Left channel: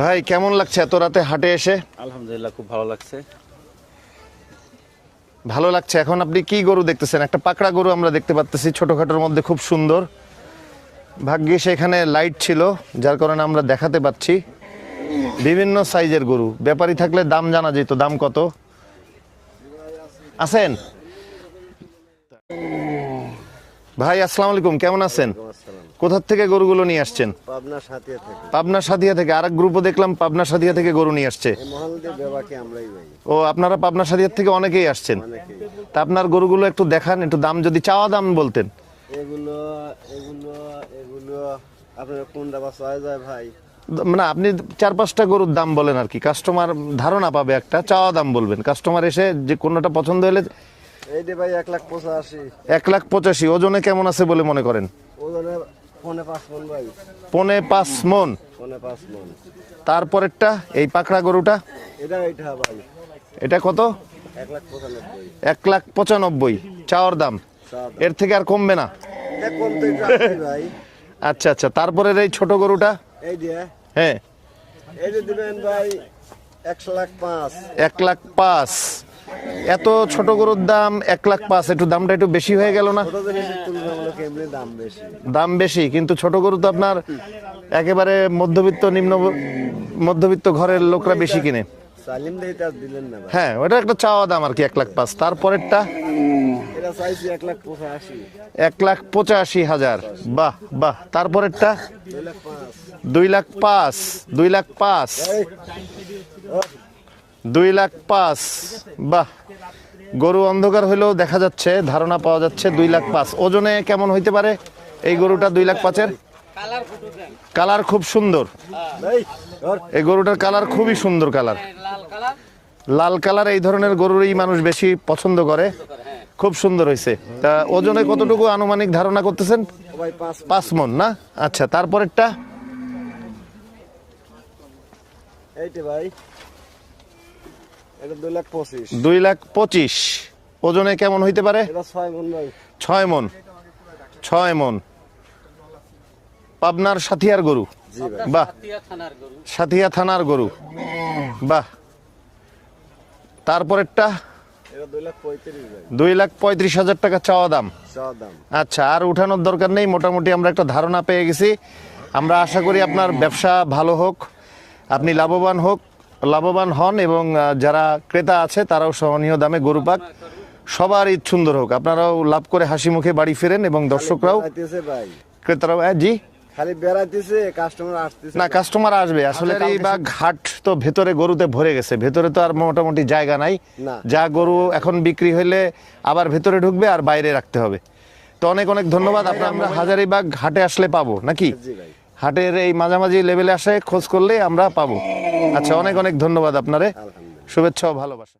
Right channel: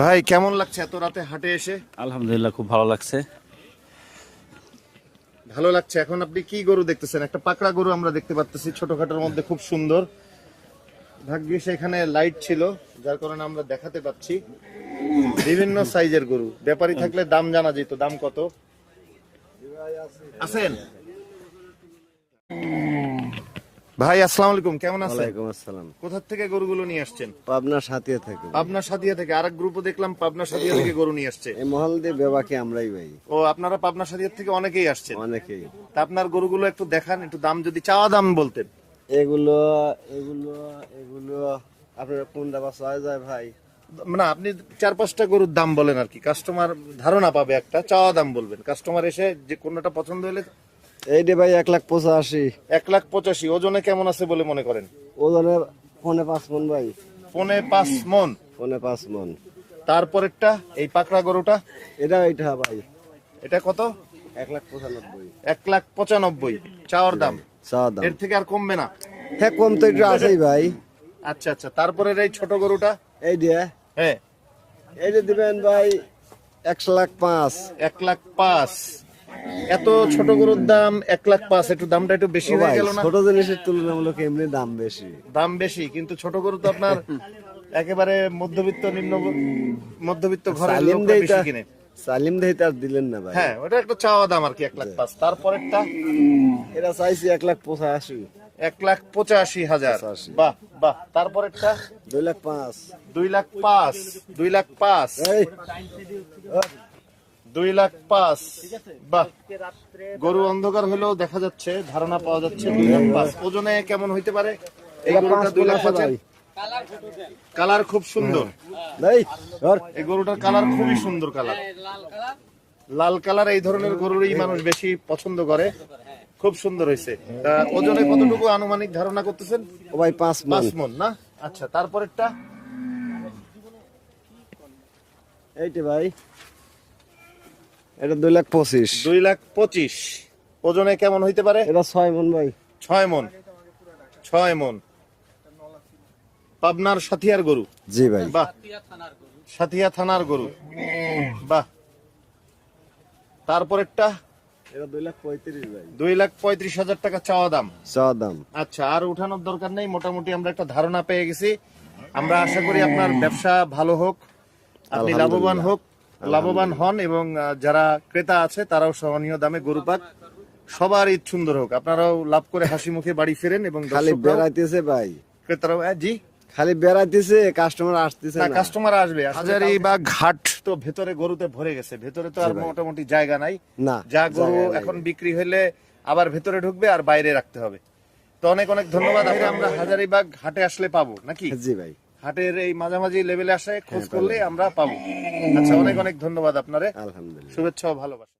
ভাই কেমন লাগছে এত রাতে হাটে এসে? আলহামদুলিল্লাহ, খুব ভালো লাগছে। ভালো লাগছে। এখন আপনি কি গরু দেখতেছেন? একটা পাকড়া গরু আমরা দেখতে পাচ্ছি, ছোটখাটোর মধ্যে খুব সুন্দর। ভাগ্যে সেখানে লাইট ছিল, যার কারণে আমরা দেখাতে পাচ্ছি। বিভিন্ন সাইজের গরু, ব্যাপারী থাকলে দাম জানা যেত। দাম কত আছেন ভাই? আসসালামু আলাইকুম, কেমন আছেন? কোথা থেকে গরুগুলো নিয়ে আসছেন? পাবনা সাথিয়া থেকে। পাবনা সাদিয়া থেকে। আরেক গ্রুপও দেখলাম পাবনা সাদিয়া থেকে গরু নিয়ে আসছে। এই মহল দিয়ে বেবাকে আমরাই ভাই, ও, আপনারা পাবনা সাদিয়া থেকে অনেকেই আসছেন। অনেকেই। তা আপনার গরুগুলো একটু দেখান, একটু দাম যদি চাওয়া দাম বলতেন। এগুলো এগুলো এগুলো আপনার কোনটা বাসা হয়ে যায় ভাই? মানে আপনি 4-5টা গরুর দাম বলেন আর কি, কাস্টমার ধারণা পাবে। একটা চাওয়া দাম বলবেন, কাস্টমার এসে যে কোনটা পছন্দ হলে। এইটা ভাই 1,85,000। 1,85,000। ওজনে কেমন আছে বলে মনে করেন? ওজনে 4.5 মন ভাই। 4.5 মন। 4.5 মন। তারপরেরটা এই পাকড়া গরুটা, এইটা ভাই এটা কত? 1,95,000। 1,95,000 চাওয়ার দাম। চাওয়া দাম। এর থেকে আর কমবে না? হ্যাঁ, কম তো একটু আছেই ভাই। আচ্ছা আচ্ছা, তারপরে এই ছোট গরুটা? এই যে হ্যাঁ, এইটা দিবেন ভাই 1,05,000। 1,05,000। এত ছোট গরুর দাম 1,05,000, একটু দামটা একটু বেশি হয়ে গেল না? ছোট জিনিসের তুলনামূলক এমনি দাম বেশি। দাম বেশি, কিন্তু ছোট গরু তো আপনার একেবারে মধ্যবিত্ত নিম্ন মধ্যবিত্ত ঘরের লোকরা বেশি কিনে। সালিম দেই তার দিলেন না ভাই। হ্যাঁ, ওটা একটা চাওয়া দাম আর কি, 1,05,000। তারপরেরটা এটা চাইছি 1,85,000। 1,85,000। বাহ বাহ। তারপরেরটা 2,05,000। 2,05,000। 2,05,000। এই 2,05,000। বাহ, গরু অন্ধকার হইলেও দেখা যাচ্ছে, ধারণা পাওয়া যাচ্ছে। 2,05,000 ওজনে কেমন হইতে পারে এই গরুটা? 2,05,000। কালার খুব সুন্দর। এই ধর। এই গরুটার কালার খুবই সুন্দর কালার, লাল কালার। এই ধরনের গরুরই মানুষ বেশি পছন্দ করে। খুব সুন্দর হয়েছে। তা ওজনে কতটুকু আনুমানিক ধারণা করতেছেন? ভাই 5 5 মন না? আচ্ছা, তারপরেরটা এইটা ভাই, এটা 2,25,000। 2,25,000 ওজনে কেমন হইতে পারে? এটা 6 মন ভাই। 6 মন। 6 মন। পাবনার সাথিয়ার গরু। জি ভাই। বাহ, সাথিয়া থানার গরু। বাহ। তারপরেরটা এটা 2,35,000 ভাই। 2,35,000 টাকা চাওয়া দাম। চাওয়া দাম। আচ্ছা, আর উঠানোর দরকার নেই, মোটামুটি আমরা একটা ধারণা পেয়ে গেছি। আমরা আশা করি আপনার ব্যবসা ভালো হোক, আপনি লাভবান হন, এবং যারা ক্রেতা আছে তারাও সহনীয় দামে গরু পাক। সবার ঈদ সুন্দর হোক, আপনারাও লাভ করে হাসি মুখে বাড়ি ফেরেন, এবং খালি দর্শকরাও, বেড়াইতেছে ভাই, ক্রেতারাও। হ্যাঁ জি, খালি বেড়াইতেছে, কাস্টমার আসতেছে না, কাস্টমার আসবে আসলে। এই বা ঘাট তো ভেতরে গরুতে ভরে গেছে, ভেতরে তো আর মোটামুটি জায়গা নাই। না, যা গরু এখন বিক্রি হলে আবার ভেতরে ঢুকবে আর বাইরে রাখতে হবে। তো অনেক অনেক ধন্যবাদ। আমরা হাজারীবাগ হাটে আসলে পাবো নাকি? জি ভাই। হাটের এই মাঝামাঝি লেভেলে আসে খোঁজ করলে আমরা পাবো। আচ্ছা, অনেক অনেক ধন্যবাদ আপনারে। আলহামদুলিল্লাহ। শুভেচ্ছা ও ভালোবাসা।